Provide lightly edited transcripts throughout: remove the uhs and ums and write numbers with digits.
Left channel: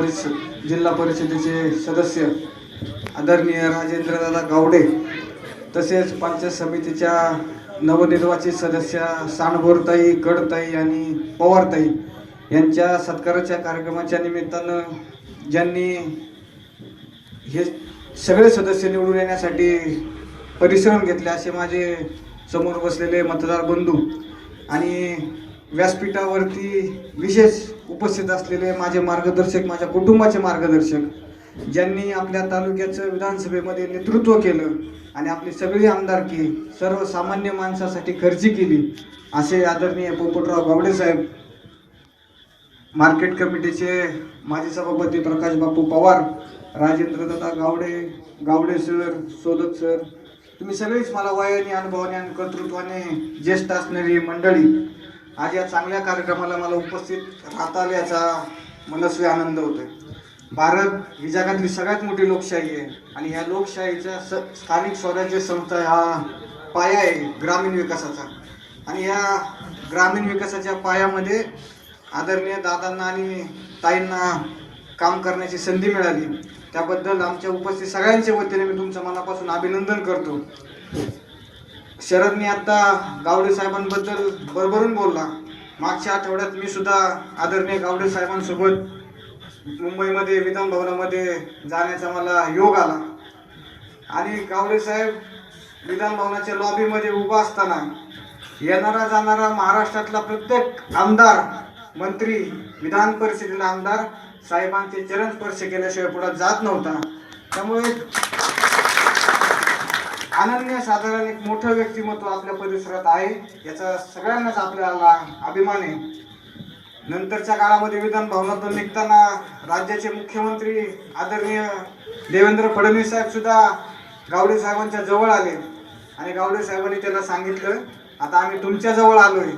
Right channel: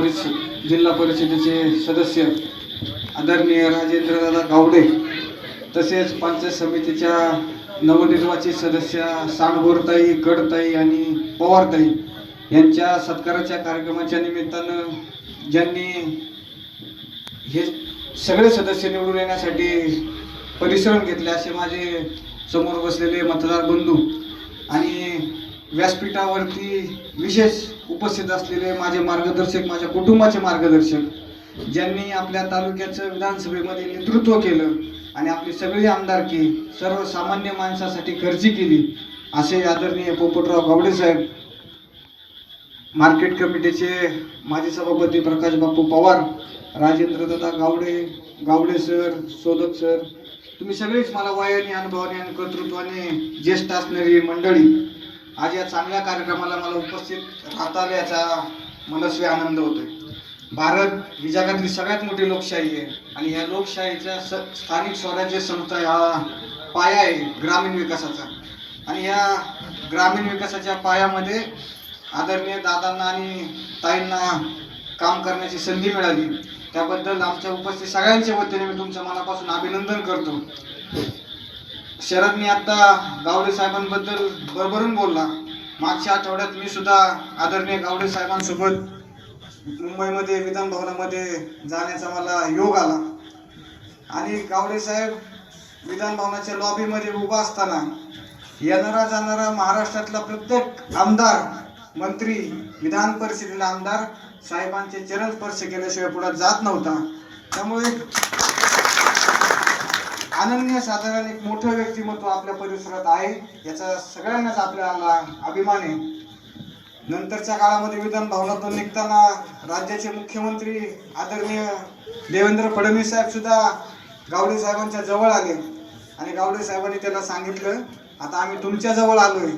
जिल्हा परिषदेचे सदस्य आदरणीय राजेंद्रदादा गावडे, तसेच पंचायत समितीच्या नवनिर्वाचित सदस्य सांडगोरताई, गडताई आणि पवारताई यांच्या सत्काराच्या कार्यक्रमाच्या निमित्तानं ज्यांनी हे सगळे सदस्य निवडून येण्यासाठी परिश्रम घेतले असे माझे समोर बसलेले मतदार बंधू आणि व्यासपीठावरती विशेष उपस्थित असलेले माझे मार्गदर्शक, माझ्या कुटुंबाचे मार्गदर्शक, ज्यांनी आपल्या तालुक्याचं विधानसभेमध्ये नेतृत्व केलं आणि आपली सगळी आमदारकी सर्वसामान्य माणसासाठी खर्ची केली, असे आदरणीय पोपटराव गावडे साहेब, मार्केट कमिटीचे माजी सभापती प्रकाश बापू पवार, राजेंद्रदादा गावडे सर, सोदक सर, तुम्ही सगळेच मला वयाने, अनुभवाने आणि कर्तृत्वाने ज्येष्ठ असणारी मंडळी, आज या चांगल्या कार्यक्रमाला मला उपस्थित राहता आल्याचा मनस्वी आनंद होतोय. भारत ही जगातली सगळ्यात मोठी लोकशाही आहे आणि या लोकशाहीच्या स्थानिक स्वराज्य संस्था हा पाया आहे ग्रामीण विकासाचा. आणि या ग्रामीण विकासाच्या पायामध्ये आदरणीय दादांना आणि ताईंना काम करण्याची संधी मिळाली, त्याबद्दल आमच्या उपस्थित सगळ्यांच्या वतीने मी तुमचं मनापासून अभिनंदन करतो. शरदनी आता गावडे साहेबांबद्दल भरभरून बोलला. मागच्या आठवड्यात मी सुद्धा आदरणीय गावडे साहेबांसोबत मुंबईमध्ये विधान भवनामध्ये जाण्याचा मला योग आला आणि गावडे साहेब विधान भवनाच्या लॉबीमध्ये उभा असताना येणारा जाणारा महाराष्ट्रातला प्रत्येक आमदार, मंत्री, विधान परिषदेला आमदार साहेबांचे चरण स्पर्श केल्याशिवाय पुढे जात नव्हता. त्यामुळे अनन्यसाधारण एक मोठं व्यक्तिमत्व आपल्या परिसरात आहे, याचा सगळ्यांनाच आपल्याला अभिमान आहे. नंतरच्या काळामध्ये विधान भवनातून निघताना राज्याचे मुख्यमंत्री आदरणीय देवेंद्र फडणवीस साहेब सुद्धा गावडे साहेबांच्या जवळ आले आणि गावडे साहेबांनी त्याला सांगितलं, आता आम्ही तुमच्या जवळ आलोय,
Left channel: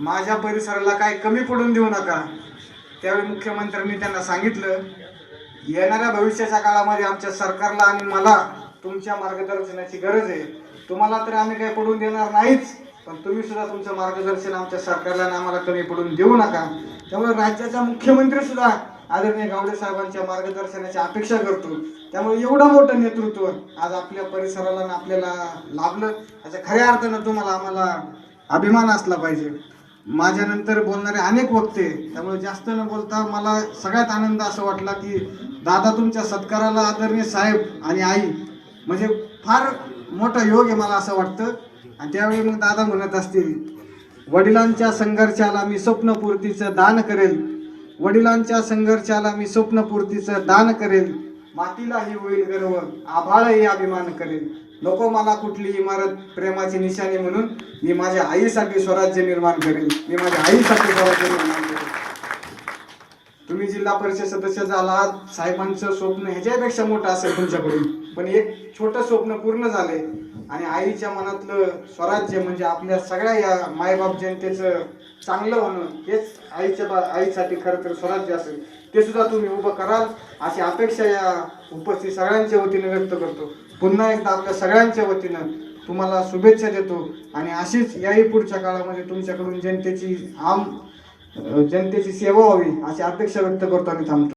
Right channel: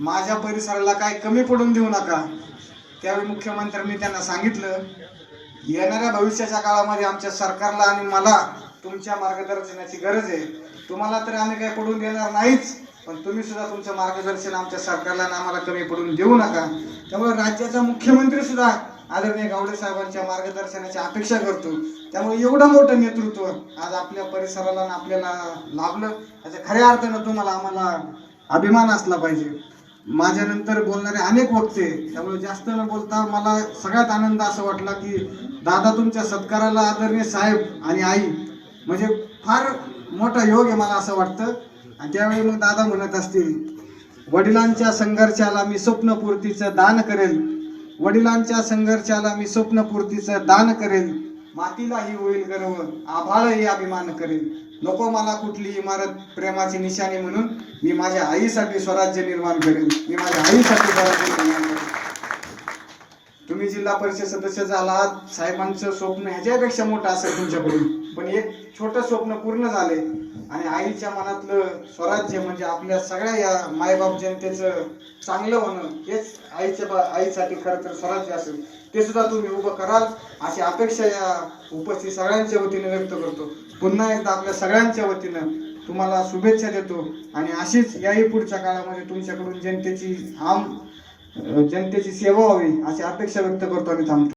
माझ्या परिसराला काय कमी पडून देऊ नका. त्यावेळी मुख्यमंत्र्यांनी त्यांना सांगितलं, येणाऱ्या भविष्याच्या काळामध्ये आमच्या सरकारला आणि मला तुमच्या मार्गदर्शनाची गरज आहे. तुम्हाला तर आम्ही काही पडून देणार नाहीच, पण तुम्ही सुद्धा तुमचं मार्गदर्शन आमच्या सरकारला आणि आम्हाला कमी पडून देऊ नका. त्यामुळे राज्याचा मुख्यमंत्री सुद्धा आदरणीय गावडे साहेबांच्या मार्गदर्शनाची अपेक्षा करतो. त्यामुळे एवढं मोठं नेतृत्व आज आपल्या परिसराला आणि आपल्याला लाभलं, याच्या खऱ्या अर्थानं तुम्हाला आम्हाला अभिमान असला पाहिजे. माझ्यानंतर बोलणारे अनेक वक्ते, त्यामुळे जास्त न बोलता मला सगळ्यात आनंद असं वाटला की दादा तुमच्या सत्काराला आदरणीय साहेब आणि आई म्हणजे फार मोठा योग आहे मला असं वाटतं. आणि त्यावेळी मग दादा म्हणत असतील, वडिलांच्या संघर्षाला मी स्वप्नपूर्तीचं दान करेल, वडिलांच्या संघर्षाला मी स्वप्नपूर्तीचं दान करेल, मातीलाही होईल गर्व, आभाळही अभिमान करेल, नको मला कुठली इमारत प्रेमाची निशाणी म्हणून मी माझ्या आईसाठी स्वराज्य निर्माण करेल, मी माझ्या आईसाठी स्वराज्य निर्माण करेल. तुम्ही जिल्हा परिषद सदस्य झालात, साहेबांचं स्वप्न ह्याच्यापेक्षा मोठं असेल तुमच्याकडून, पण एक छोटं स्वप्न पूर्ण झालंय आणि आईच्या मनातलं स्वराज्य म्हणजे आपल्या सगळ्या या मायबाप जनतेचं चांगलं होणं हेच आईसाठी खरं तर स्वराज्य असेल, ते सुद्धा तुम्ही उभं कराल अशी अपेक्षा या उपस्थित सगळ्यांच्या वतीने व्यक्त करतो. पुन्हा एकदा आपल्या सगळ्यांच्या वतीनं तुम्हाला शुभेच्छा देतो आणि अशीच याही पुढच्या काळामध्ये तुमच्याकडून जनतेची सेवा व्हावी अशी अपेक्षा व्यक्त करतो आणि थांबतो.